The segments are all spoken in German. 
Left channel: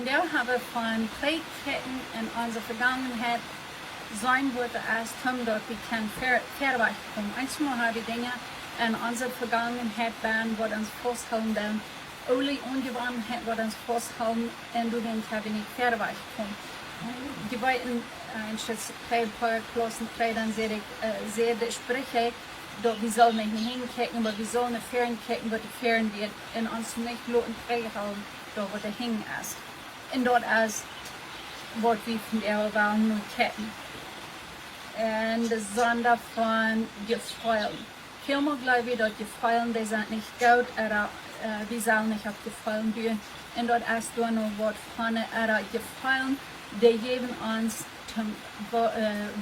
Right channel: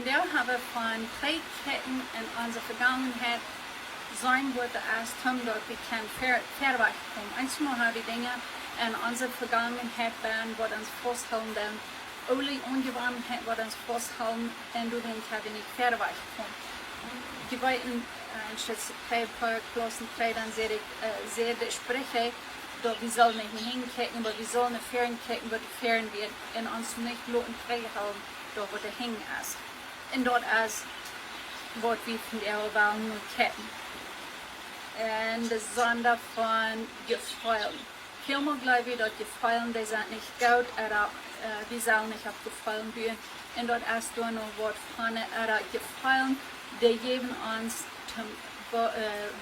Und wir haben von Trägketten in unserer Vergangenheit sein wird erst haben, dort wir können verweichen kommen. Einmal haben die Dinge in unserer Vergangenheit waren, wo uns festhalten, dann alle Ungewohnheiten, wo uns festhalten, und du dann können nicht verweichen kommen. Die beiden, ein paar Klassen, dann sehr die Sprecher, dort wir sollen nicht hinkicken, aber wir sollen nicht fernkicken, wo die fern wird, und uns nicht loten trägen, dort wo der hängen ist. Und dort ist, was wir von der Welt nur kennen. Und besonders von Gefallen. Vielmal glaube ich, dass Gefallen, die sind nicht gut, oder wir sollen nicht auf Gefallen gehen. Und dort ist nur noch was von Gefallen, die geben uns,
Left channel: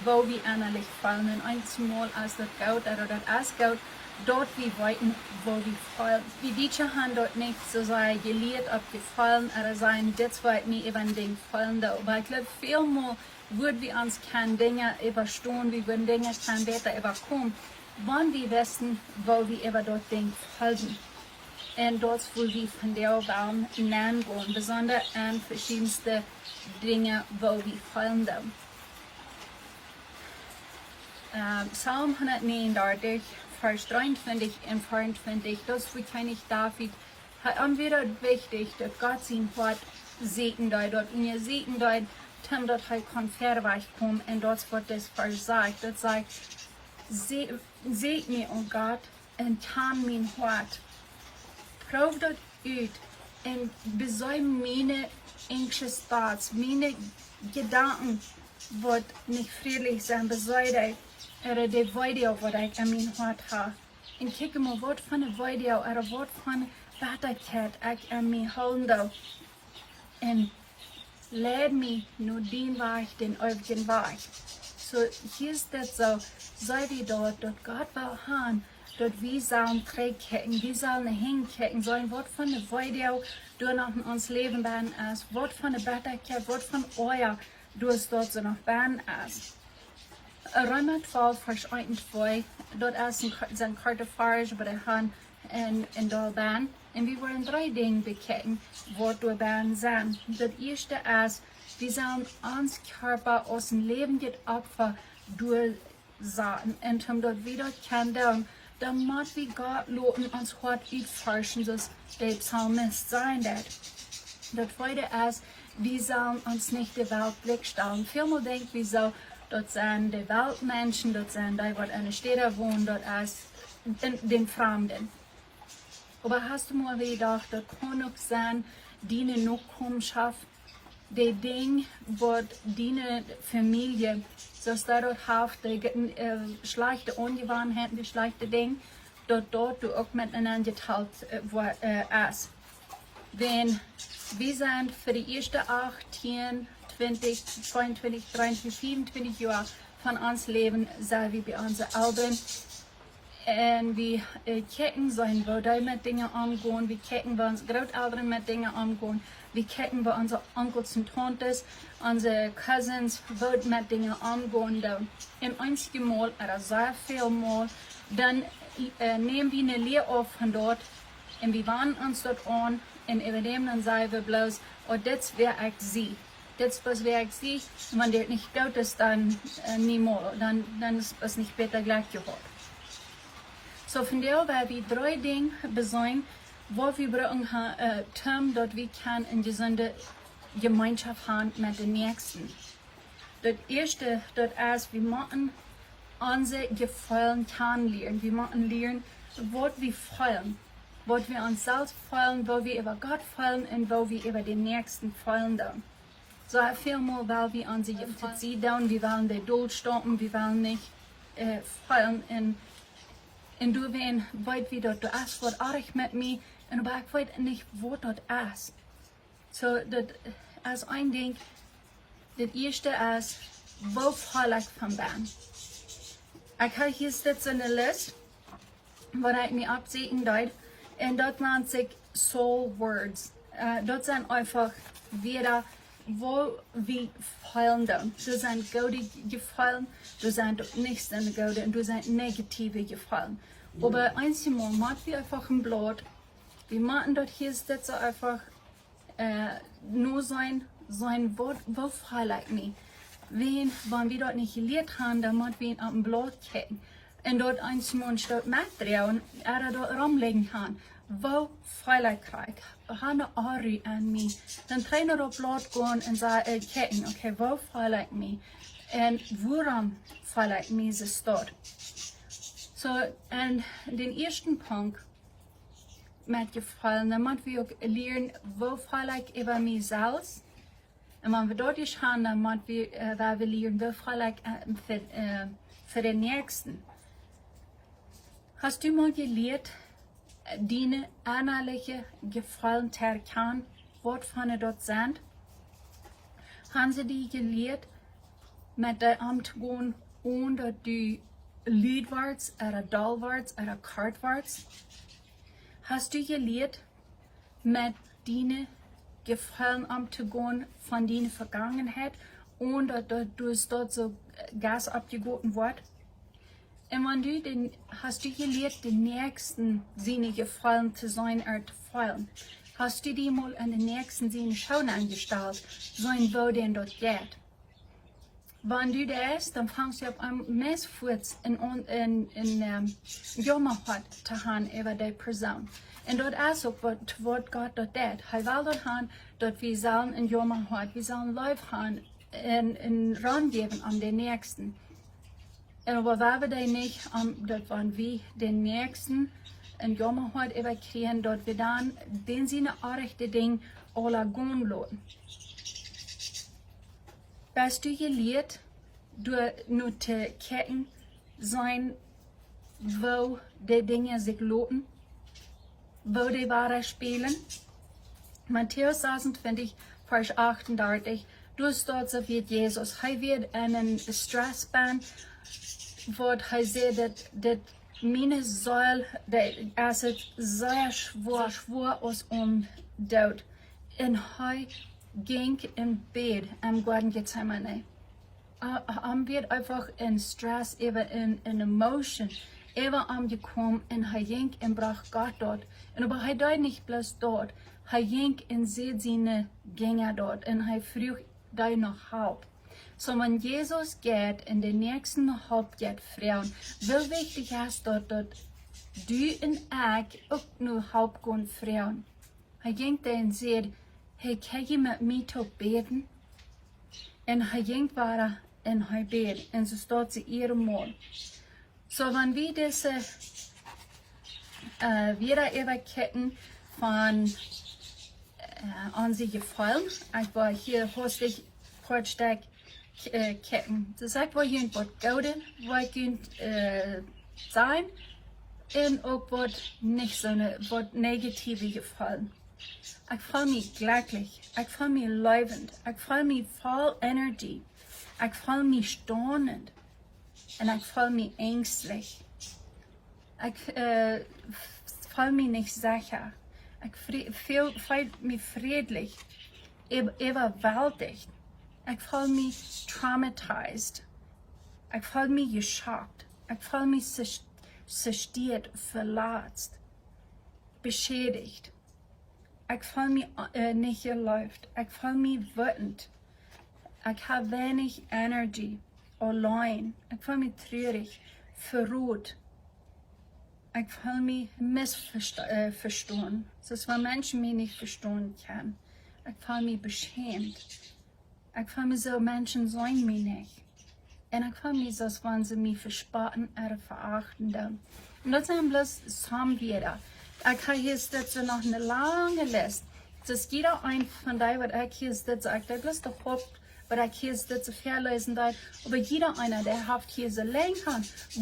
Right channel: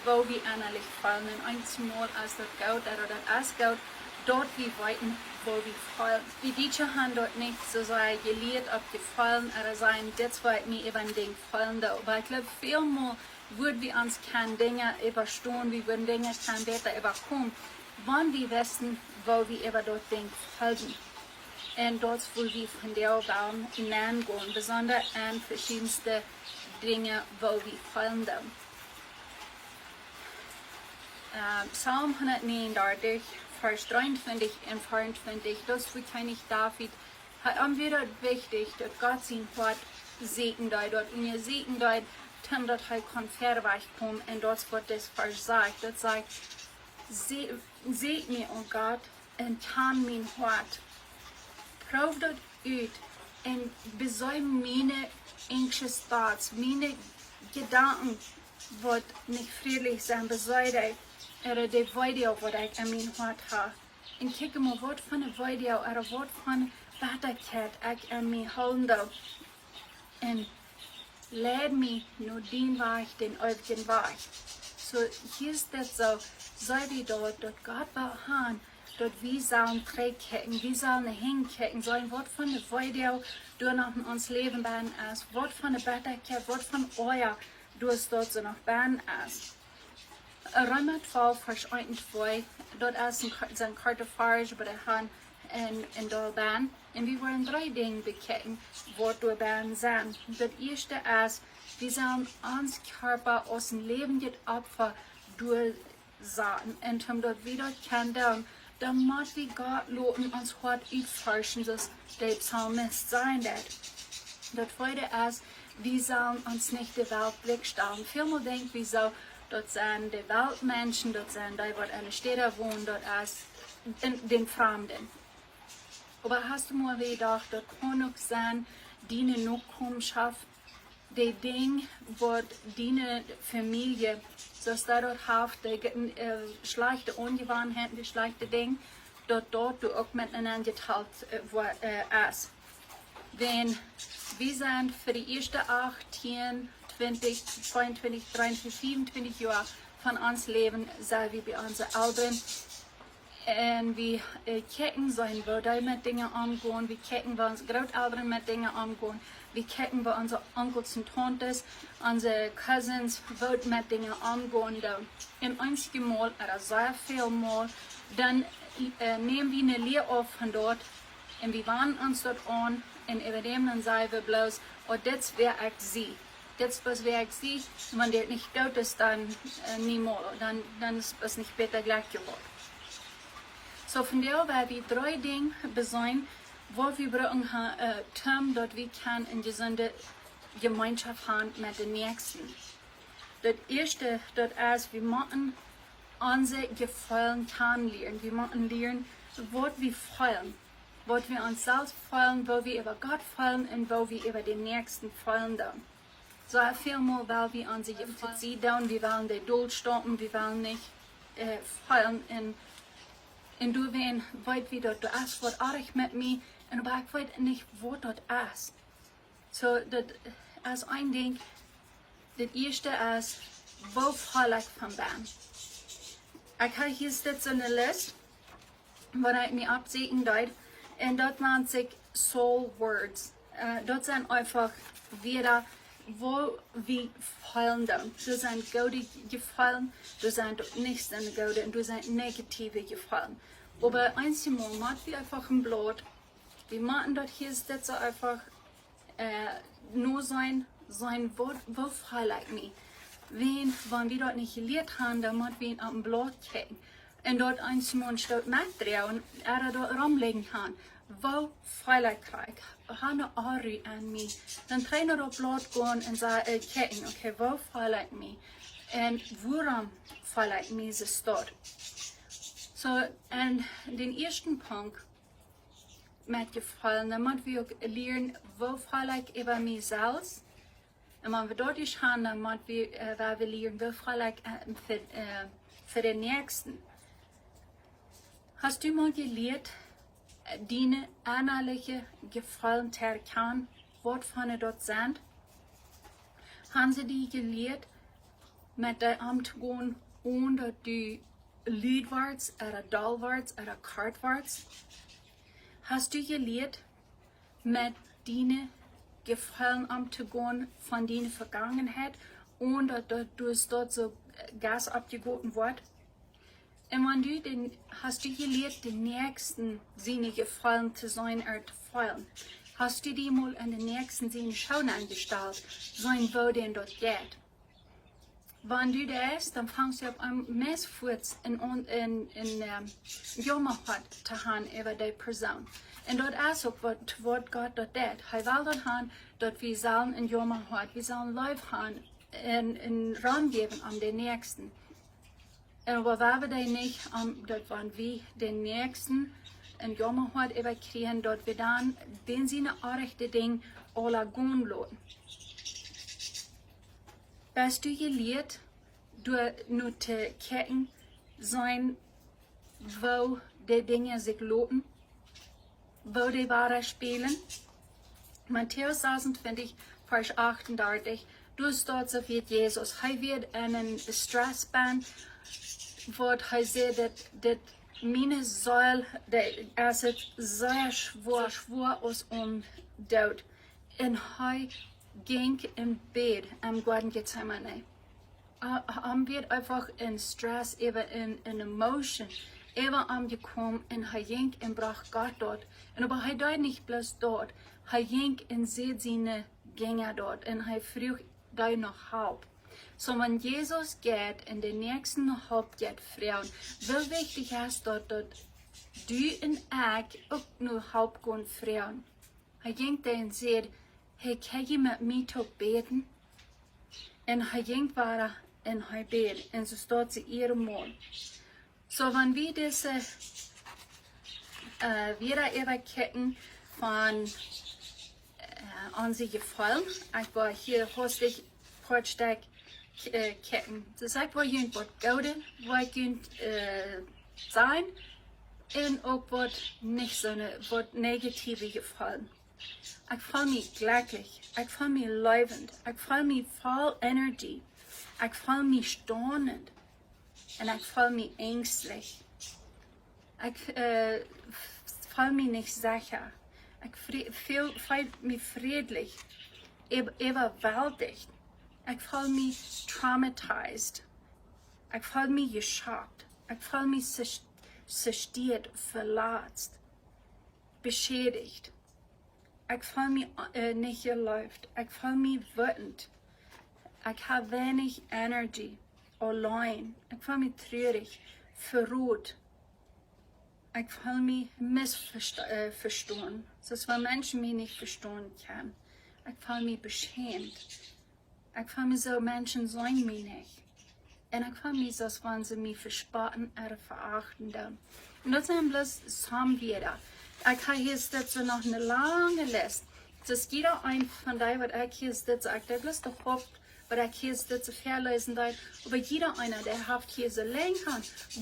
wo wir innerlich fallen. Und einmal ist das gut, oder das ist gut, dort wir weiten, wo wir fallen. Die Deutschen haben dort nicht so sehr gelehrt, ob Gefallen oder sein, das wird mir eben den Gefallen da. Aber ich glaube, vielmal würden wir uns keine Dinge überstehen, wir würden Dinge keine besser überkommen, wenn wir wissen, wo wir über dort Dinge folgen. Und dort, wo wir von der Welt hineingehen, besonders an verschiedenste Dinge, wo wir fallen. Psalm 139, Vers 23 und 24, das bekenne ich David, hat wieder wichtig, dass Gott sein Wort segnet, dort und ihr segnet, dass er kann verweicht kommen, und dort wird das versagt, das sagt, seht mir, oh Gott, und tan mein Wort, prüf das aus, und besäum meine anxious thoughts, meine Gedanken, wird nicht friedlich sein, besäumt, oder die Video, was ich an mein Wort habe. Und kijk mal, wat van een video, oder wat van Werkelijkheid ich an mir houden. Und leid mich nur den Weg, den ewigen Weg. So, hier ist das so, sei wie dort Gott will haben, dort wir sollen trägkecken, wir sollen hinkecken, so ein Wort von der Video, durch noch in uns Leben werden ist, Wort von der Werkelijkheid, Wort von euer, durch dort so noch werden ist. Römer 12, Vers 1 und 2, dort ist ein Kartofarisch bei der Hand in Dolban. Und wir wollen 3 Dinge bekennen, was durch Bern sind. Das erste ist, wir sollen uns Körper aus dem Leben des Opfer durchsagen. Und um dort wieder kennen, damit wir Gott loten uns Gott erforschen, dass der Psalmist sein wird. Das zweite ist, wir sollen uns nicht der Welt Blick stellen. Vielmal denken wir so, dort sind die Weltmenschen, dort sind die, die in der Städte wohnen, dort ist den Fremden. Aber hast du mal gedacht, dort kann auch sein, die eine Nachkommenschaft, die Dinge, was die Familie, dass dort hilft, die schlechte Ungewohnheiten, die schlechte Dinge, dort du auch miteinander geteilt ist. Wenn wir sind für die ersten 18, 20, 22, 23, 27 Jahre von uns leben, sei wie bei unseren Eltern. Und wir gucken, wo die mit Dingen umgehen, wir gucken, wo unsere Großeltern mit Dingen umgehen, wir gucken, wo unsere Onkels und Tantes, unsere Cousins, wo mit Dingen umgehen. Und einzige Mal, oder sehr viel Mal, dann nehmen wir eine Lehre auf von dort und wir warnen uns dort an und übernehmen und sagen wir bloß, oh, das wäre ich sie. Das, was wir sie, wenn das nicht gut ist, dann niemals, dann ist es nicht besser gleich geworden. So von der werden wir 3 Dinge besäumen, wo wir brauchen, dort wir können eine gesunde Gemeinschaft haben mit den Nächsten. Das erste, dort ist, wir müssen unsere Gefallen kennenlernen. Wir müssen lernen, was wir fallen, was wir uns selbst fallen, wo wir über Gott fallen und wo wir über den Nächsten fallen. So vielmal, weil wir unsere Gefallen sehen, wir wollen den Tod stoppen, wir wollen nicht fallen und du weißt, wie dort ist, was auch mit mir, und aber ich weiß nicht, wo dort ist. So, das ist ein Ding, das erste ist, wo fall ich von Bern? Ich habe hier sitzen in der Liste, wo ich mir absehen darf, und dort nennt sich Soul Words. Dort sind einfach wieder, wo wir fallen dann. Du sind gute Gefallen, du sind nicht so gute und du sind negative Gefallen. Aber einmal machen wir einfach ein Blatt. Wir machen dort hier sitzen einfach nur sein Wort verfeilt mich. Wenn wir dort nicht gelehrt haben, dann müssen wir ihn auf dem Blatt kicken. Und dort ein Mund dort mitdrehen und dort rumlegen haben. Wo feilt ich? Hanne Ari an mich. Dann trainer auf Blatt gehen und sagen, kicken, okay, wo feilt ich mich? Und warum feilt ich mich das dort? So, und den ersten Punkt mit gefallen, dann müssen wir auch lernen, wo feilt ich über mich selbst. Und wenn wir dort haben, dann müssen wir lernen, wo feilt ich für den Nächsten. Hast du mal gelernt, deine innerliche Gefallen zu erkennen, was von dort sind? Haben sie die gelernt, mit der Amt gehen, ohne die Liedworts oder Dollworts oder Kartworts? Hast du gelernt, mit deinen Gefallen umzugehen von deiner Vergangenheit, ohne dass du dort so Gas abgegeben wird? Und wenn hast du gelernt, den Nächsten seine Gefallen zu sein oder zu feilen? Hast du die mal an den Nächsten seine Schauen angestellt, sein wo denn dort geht? Wenn du das, dann fängst du auf einem Messfuß in GEMACHT zu haben über die Person. Und dort ist auch, was Gott dort tut. Er will dort haben, dort wir sollen in GEMACHT, wir sollen Leib haben, in Raum geben an den Nächsten. Aber wenn wir den nicht, dort waren wir den Nächsten in GEMACHT überkriegen, dort wir dann den seine rechte Ding alle gehen lassen. Bist du gelehrt, nur zu kennen sein, wo die Dinge sich lohnen, wo die Ware spielen? Matthäus 26, Vers 38, du dort so wie Jesus. Er wird einen Stress ban, wo er sagt, dass meine Säule, es ist sehr schwer aus Tod. Und er ging im Bett am Garten Gethsemane. Wird einfach in Stress, in Emotion, angekommen und er ging und brach Gott dort. Und aber er dort nicht bloß dort, er ging und sieht seine Gänger dort und er fragt da noch Halb. So wenn Jesus geht in den nächsten Halb geht Frauen, wie wichtig ist dort, du und ich auch nur Halb gehen Frauen. Er ging da und sagt, hey, kann je mit mir zu beten? Und er ging weiter in er bet, und so steht sie ihrem Mund. So, wenn wir diese wieder überketten von an sie gefallen, ich war hier hostig kurzzeitig ketten. Das sagt, wo ihr was Gutes, was ihr sein, und auch was nicht so was Negative gefallen. Ich fühle mich glücklich, ich fühle mich lebend, ich fühle mich voll Energie, ich fühle mich staunend und ich fühle mich ängstlich. Ich fühle mich nicht sicher, ich fühle mich friedlich, überwältigt, ich fühle mich traumatisiert, ich fühle mich geschockt, ich fühle mich zerstört, verletzt, beschädigt. Ich fühle mich nicht gelaufen. Ich fühle mich wütend. Ich habe wenig Energie, allein. Ich fühle mich traurig, verrückt. Ich fühle mich missverstanden. Das ist, wenn Menschen mich nicht verstehen können. Ich fühle mich beschämt. Ich fühle mich so, Menschen sehen mich nicht. Und ich fühle mich so, als wenn sie mich verspotten oder verachten. Und das sind bloß Samweder. Ich habe hier noch eine lange Liste. Das ist jeder ein von denen, was ich hier sitze. Ich habe bloß der Haupt, was ich hier sitze, verlesen darf. Aber jeder einer, der hat hier so lang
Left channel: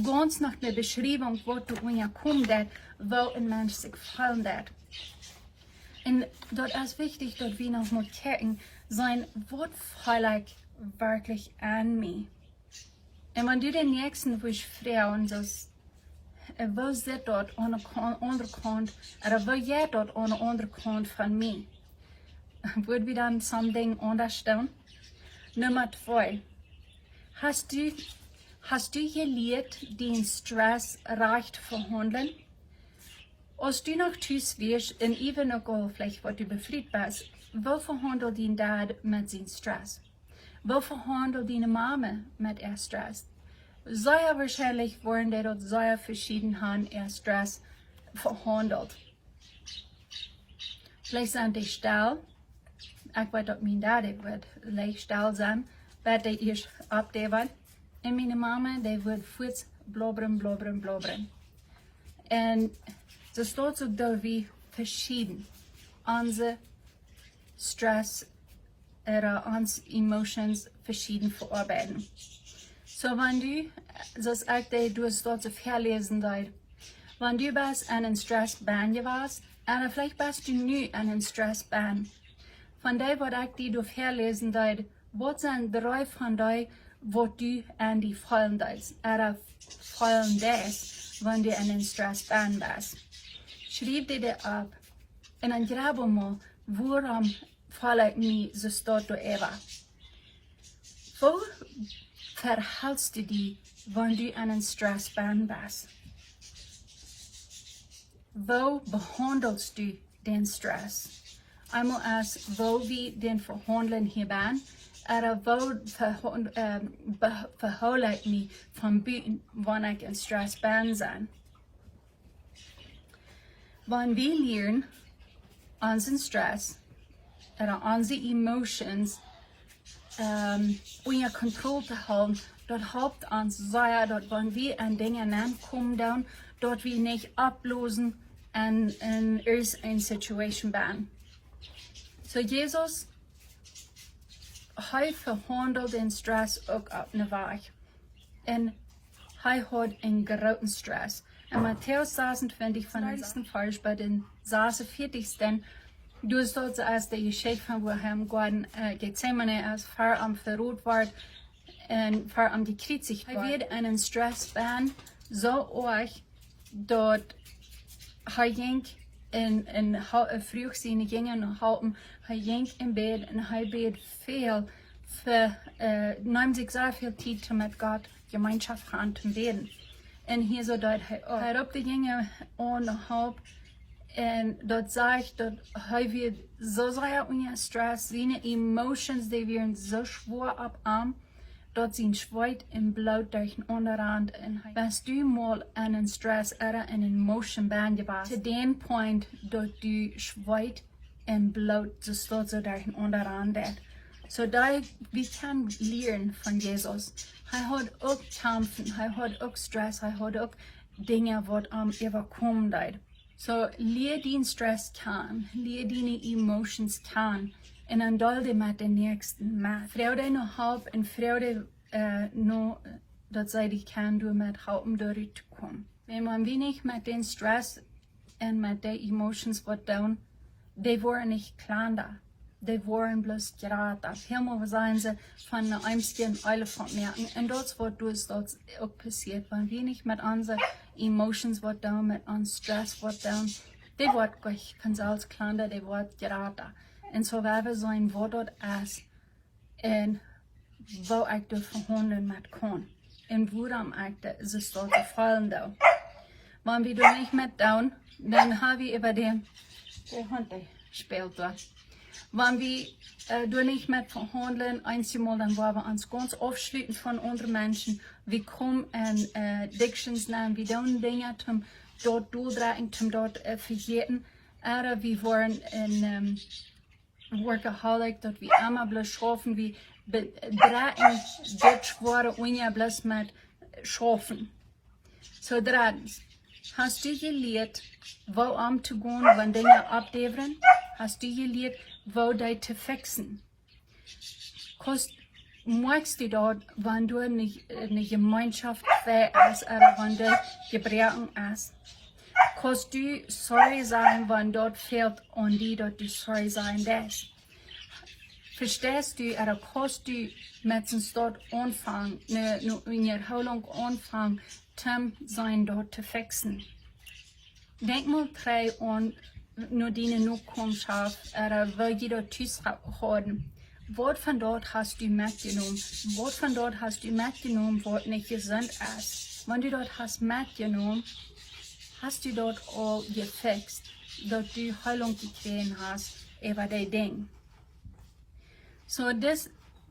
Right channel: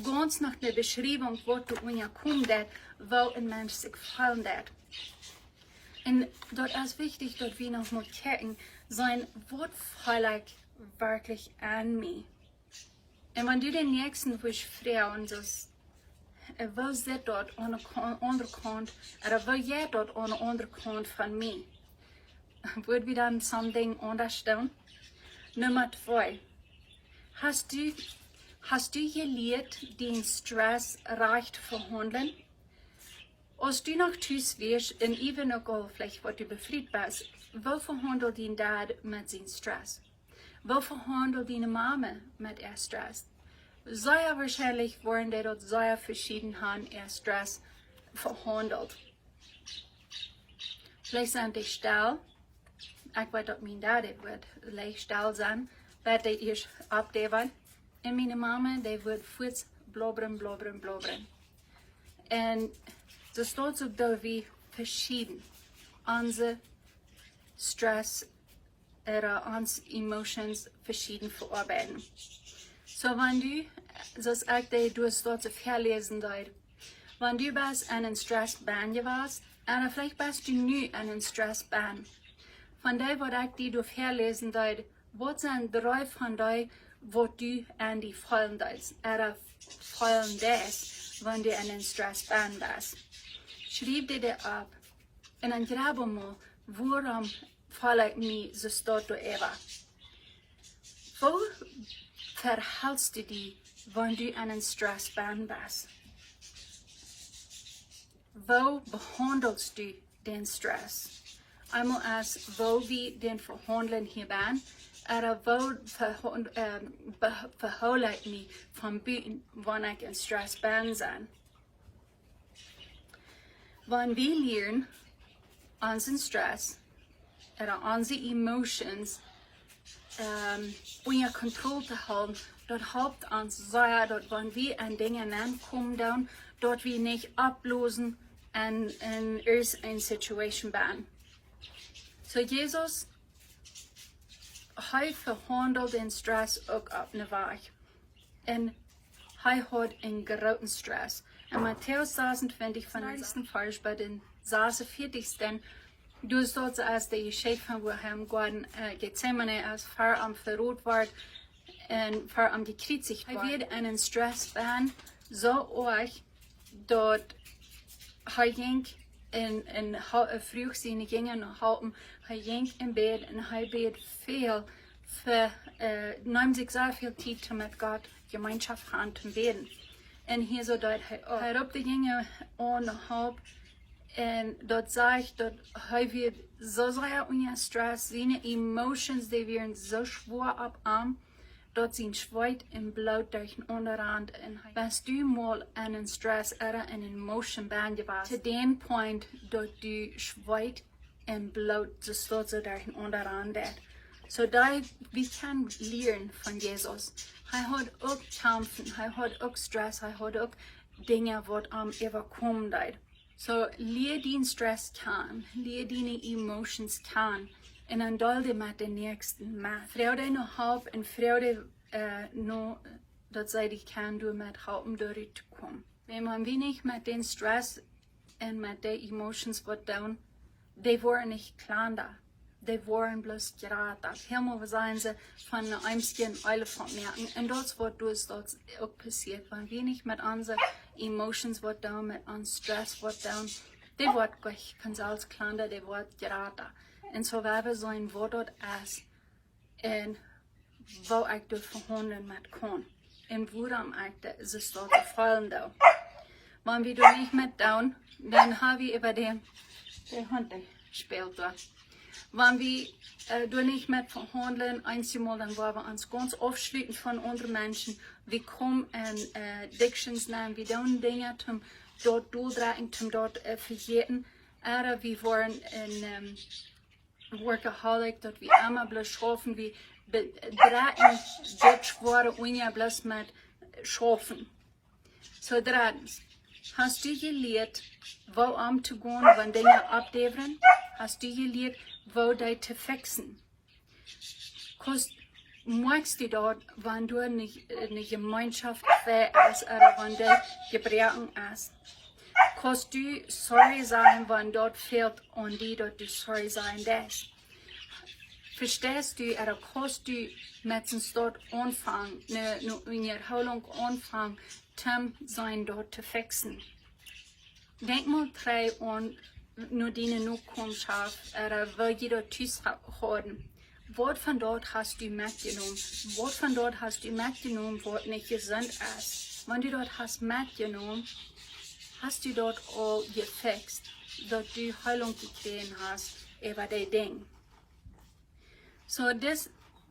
ganz nach einer Beschreibung, wo du kommen darfst, wo ein Mensch sich gefallen darf. Und dort ist wichtig, dass wir noch mal gucken, sein Wort feilig wirklich an mich. Und wenn du den nächsten Wisch fragen, das wo zit dort aan de onderkant, oder wo jij dort aan de onderkant van mij? Würden wir dann something anders tun? Nummer 2. Hast du gelernt, den Stress recht verhandeln? Als du noch tüß wirst, und even auch vielleicht, was du befriedigt bist, Wo verhandelt die Dad mit seinem Stress? Wo verhandelt die Mama mit ihr Stress? Sehr wahrscheinlich worden die dort sehr verschieden haben ihr Stress verhandelt. Vielleicht sind die still. Ich weiß, dass mein Dad wird leicht still sein, weil die erst abdeven. Und meine Mama, die wird kurz blubbern. Und das steht so da wie verschieden. Unsere Stress oder unsere Emotions verschieden verarbeiten. So, wenn du, das ich du hast dort so verlesen dort, wenn du bist an einem Stressbahn gewesen, oder vielleicht bist du nie an einem Stressbahn. Von dem, was ich dir verlesen dort, was sind 3 von denen, wo du an die fallen dort, oder fallen das, wenn du an einem Stressbahn bist. Schreib dir das ab. Und dann grab mal, warum falle ich mich so dort über? Wo verhältst du dich, wenn du an einem Stressbahn bist? Wo behandelst du den Stress? Einmal als wo wir den verhandeln hier bin, oder wo verhole ich mich von Büten, wenn ich in Stress bin. Wenn wir lernen, unseren Stress oder unsere Emotions unter Kontrolle zu halten, dort hilft uns sehr, dort wenn wir an Dinge ankommen, dort wir nicht ablösen und in eine Situation bin. So Jesus, er verhandelt den Stress auch auf eine Weg. Und er hat einen großen Stress. In Matthäus 26 von den ersten Vers bei den 46. Du sollst als der Geschäft von woher Gott Gethsemane als Fahr am verrot war und Fahr am gekreuzigt war. Er wird einen Stress ban, so euch dort er ging in früh seine Gänge halten, er ging im Bett und er bet viel für nimmt sich sehr viel Zeit mit Gott Gemeinschaft haben zu beten. Und hier so dort er auf die Gänge und halb und dort sage ich, dort wird so sehr unter Stress, seine Emotions, die werden so schwer ab am, dort sind Schweiß und Blut durch den Unterrand. Und wenn du mal einen Stress oder eine Emotion bist, zu dem Punkt, dort du Schweiß und Blut so durch den Unterrand. So da wir können lernen von Jesus. Er hat auch Kämpfen, er hat auch Stress, er hat auch Dinge, die am überkommen. So, leer den Stress kann, leer deine Emotions kann, und dann dulde mit den nächsten mit. Freude noch halb und Freude noch, dass ich kann du mit halben durchkommen. Wenn man wenig mit den Stress und mit den Emotions wird tun, die waren nicht kleiner, die waren bloß gerade. Helemaal seien sie von einem Elefant merken. Und das wird das auch passiert, wenn wir nicht mit unseren Emotions wird tun, mit unserem Stress wird tun, die wird gleich ganz als kleiner, die wird gerade. Und so werden wir sein, wo dort ist, und wo ich das verhandeln mit kann. Und woran ich das dort gefallen da. Wenn wir da nicht mit tun, dann haben wir über den Hund gespielt da. Wenn wir da nicht mit verhandeln, einmal, dann wollen wir uns ganz aufschließen von anderen Menschen. Wir kommen in Addictions nehmen, wir tun Dinge, zum dort durchdrehen, zum dort vergessen. Oder wir wollen in Workaholic, dort wir immer bloß schaffen, wir drehen dort schwere Unja bloß mit schaffen. So drittens, hast du gelernt, wo umzugehen, wenn Dinge abdevern? Hast du gelernt, wo die zu fixen? Magst du dort, wenn du nicht eine Gemeinschaft ist oder wenn du gebrochen ist? Kannst du sorry sein, wenn dort fehlt und die dort die sorry sein das? Verstehst du, oder kannst du mit uns dort anfangen, eine Erholung anfangen, sein dort zu fixen? Denk mal drei an, nur deine Nachkommenschaft, oder wo jeder Tschüss haben. Was von dort hast du mitgenommen? Was von dort hast du mitgenommen, was nicht gesund ist? Wenn du dort hast mitgenommen, hast du dort all gefixt, dass du Heilung gekriegt hast über die Dinge. So das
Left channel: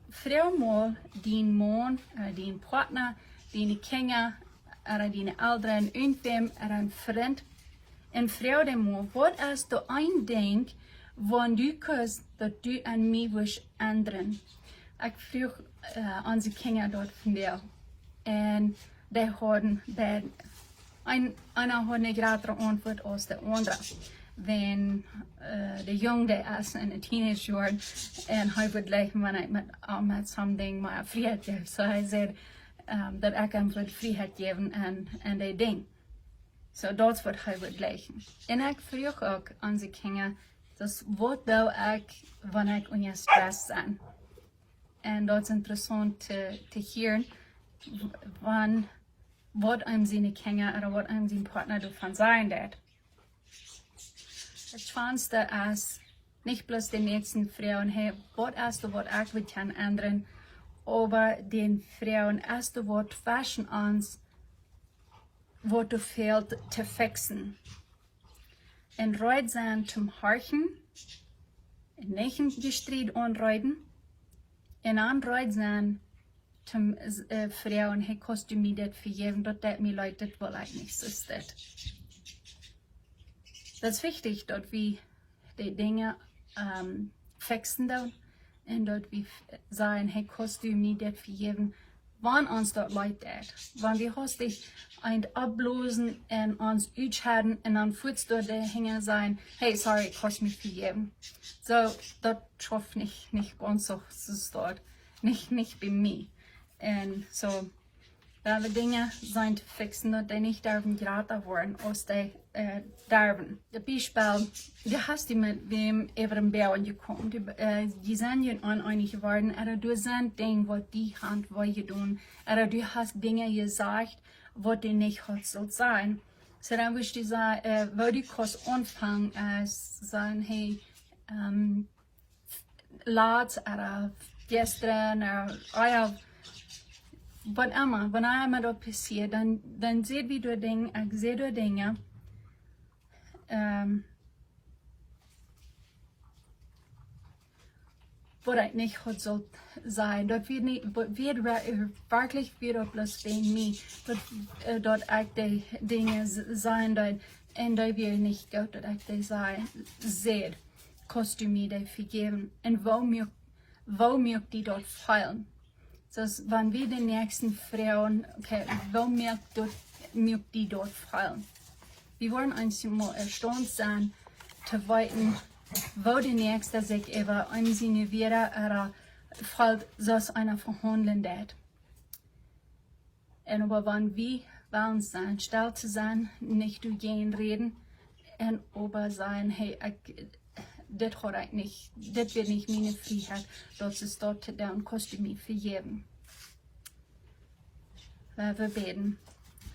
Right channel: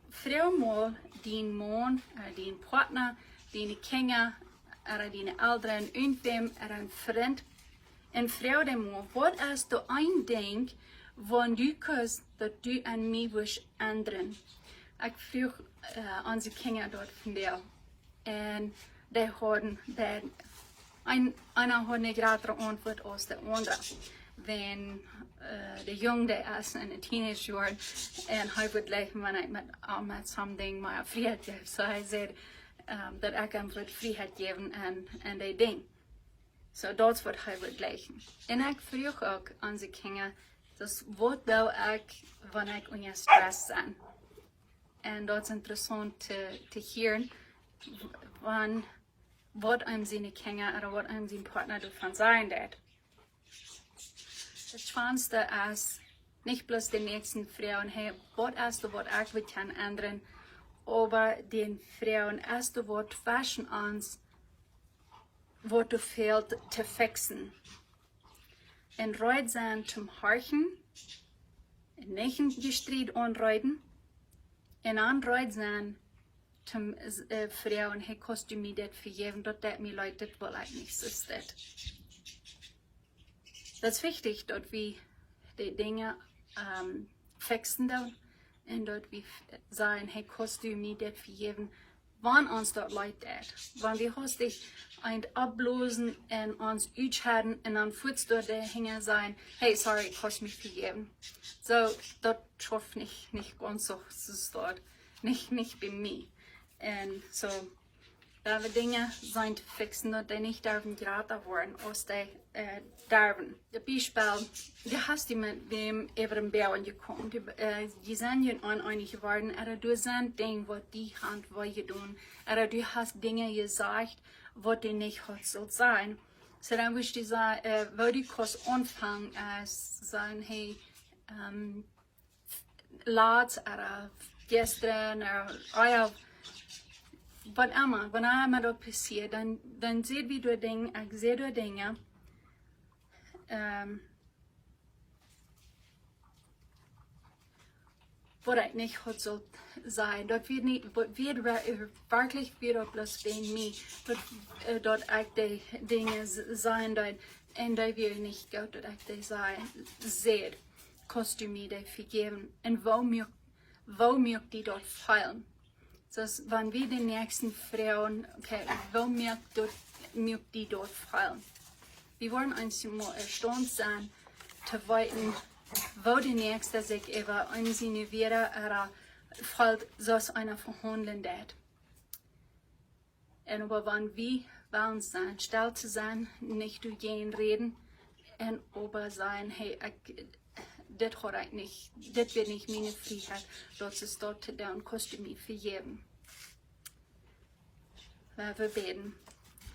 vrouw mal din man, din partner, din kinder, din ouderen, irgendwem, een vriend, en vrouw de mal, wat als du eindenk, wann du kus, dat du an mij wisch ändern. Ik vroeg onze kinder dort van der, en die hadden, einer hat eine gradere Antwort als der andere. Wenn der Junge der ist in den Teenagerjahren und er wird gleich, wenn ich mit something mal Freiheit gebe, so er sagt, dass ich ihm wird Freiheit geben und die Ding. So das wird er wird gleich. Und ich frage auch an die Kinder, das wird da ich, wenn ich unter Stress bin. Und das ist interessant zu hören, wann wat einem seine Kinder oder wat einem sein Partner davon sagen wird. Das Schwanste ist nicht bloß den nächsten Frauen, hey, was ist du, was ich will kann ändern, aber den Frauen ist du, was fashion ans, was du fehlt zu fixen. Und reut sein zum Horchen, nicht gestreit anreuten, und anreut sein zum Frauen, hey, kannst du mir das vergeben, dass mir Leute, das will ich nicht, so ist das. Das ist wichtig, dass wir die Dinge fixen und dass wir sagen, hey, kannst du mir das vergeben, wann uns dort Leute das. Wenn wir hast dich ein ablosen und uns aushalten und dann fühlst du da hängen sein, hey, sorry, kannst du mich vergeben. So, das schafft nicht ganz so, ist dort, nicht bei mir. Und so, da wir Dinge sind zu fixen, dass die nicht dürfen geraten werden, als die dürfen. Zum Beispiel, du hast mit wem über den Berg gekommen, die sind ja uneinig geworden, oder du sind Dinge, was die Hand wollen tun, oder du hast Dinge gesagt, was du nicht hast soll sein. So dann würde ich sagen, wo du kannst anfangen, sagen, hey, laat, oder gestern, oder was immer, wenn einmal das passiert, dann seht wie du Dinge, ich sehe du Dinge, was ich nicht hat soll sein. Dort wird nicht, wird wirklich wieder bloß wegen mir, dort ich die Dinge sein, dort, und da will nicht Gott, dass ich die sein, seht, kannst du mir die vergeben, und wo mir die dort fallen. So, wenn wir die nächsten Frauen, okay, wo mir die dort fallen. Wir wollen uns mal erstaunt sein, zu weiten, wo die nächste sich über eine wieder oder fällt, so einer verhandeln wird. Und aber wenn wir wollen sein, still zu sein, nicht zu gehen reden, und aber sein, hey, das wird nicht meine Freiheit, das ist dort, dann kannst du mir vergeben. Wir beten.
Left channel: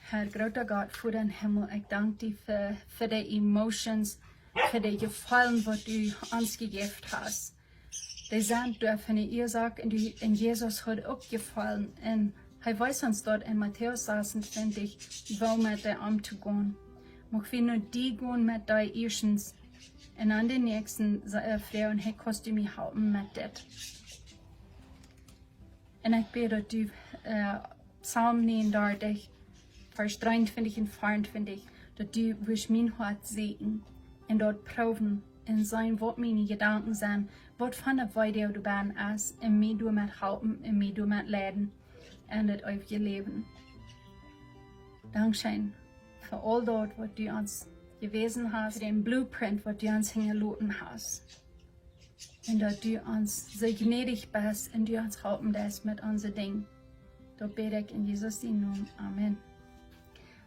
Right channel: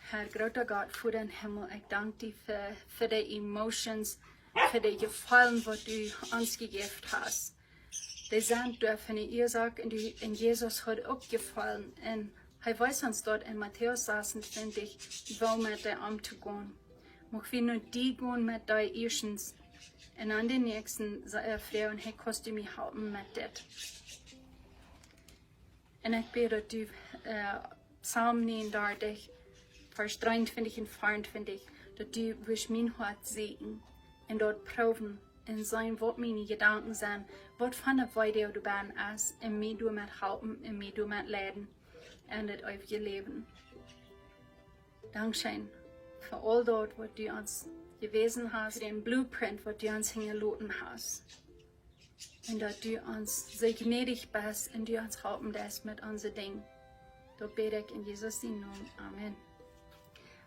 Herr, großer Gott, für den Himmel, ich danke dir für die Emotions, für die Gefallen, was du uns gegeben hast. Die sind durch eine Ursache und Jesus hat auch gefallen. Und er weiß uns dort in Matthäus 26, wo mit der umzugehen. Mag wir nur die gehen mit deinen Irrschens. Und an den nächsten Frauen, hey, kannst du mich helfen mit das. Und ich bete, dass du Psalm 39, Vers 23 und 24, dass du wirst mein Herz sehen und dort proben und sein, was meine Gedanken sind, was von der Weide du bist, und mir du mit helfen, und mir du mit leiden, und das ewige Leben. Dankeschön für all dort, was du uns gewesen hast, den Blueprint, was du uns hingelassen hast. Und dass du uns so gnädig bist und du uns helfen lässt mit unseren Dingen. Da bete ich in Jesus' Namen. Amen.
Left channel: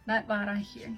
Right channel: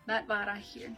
Das war hier.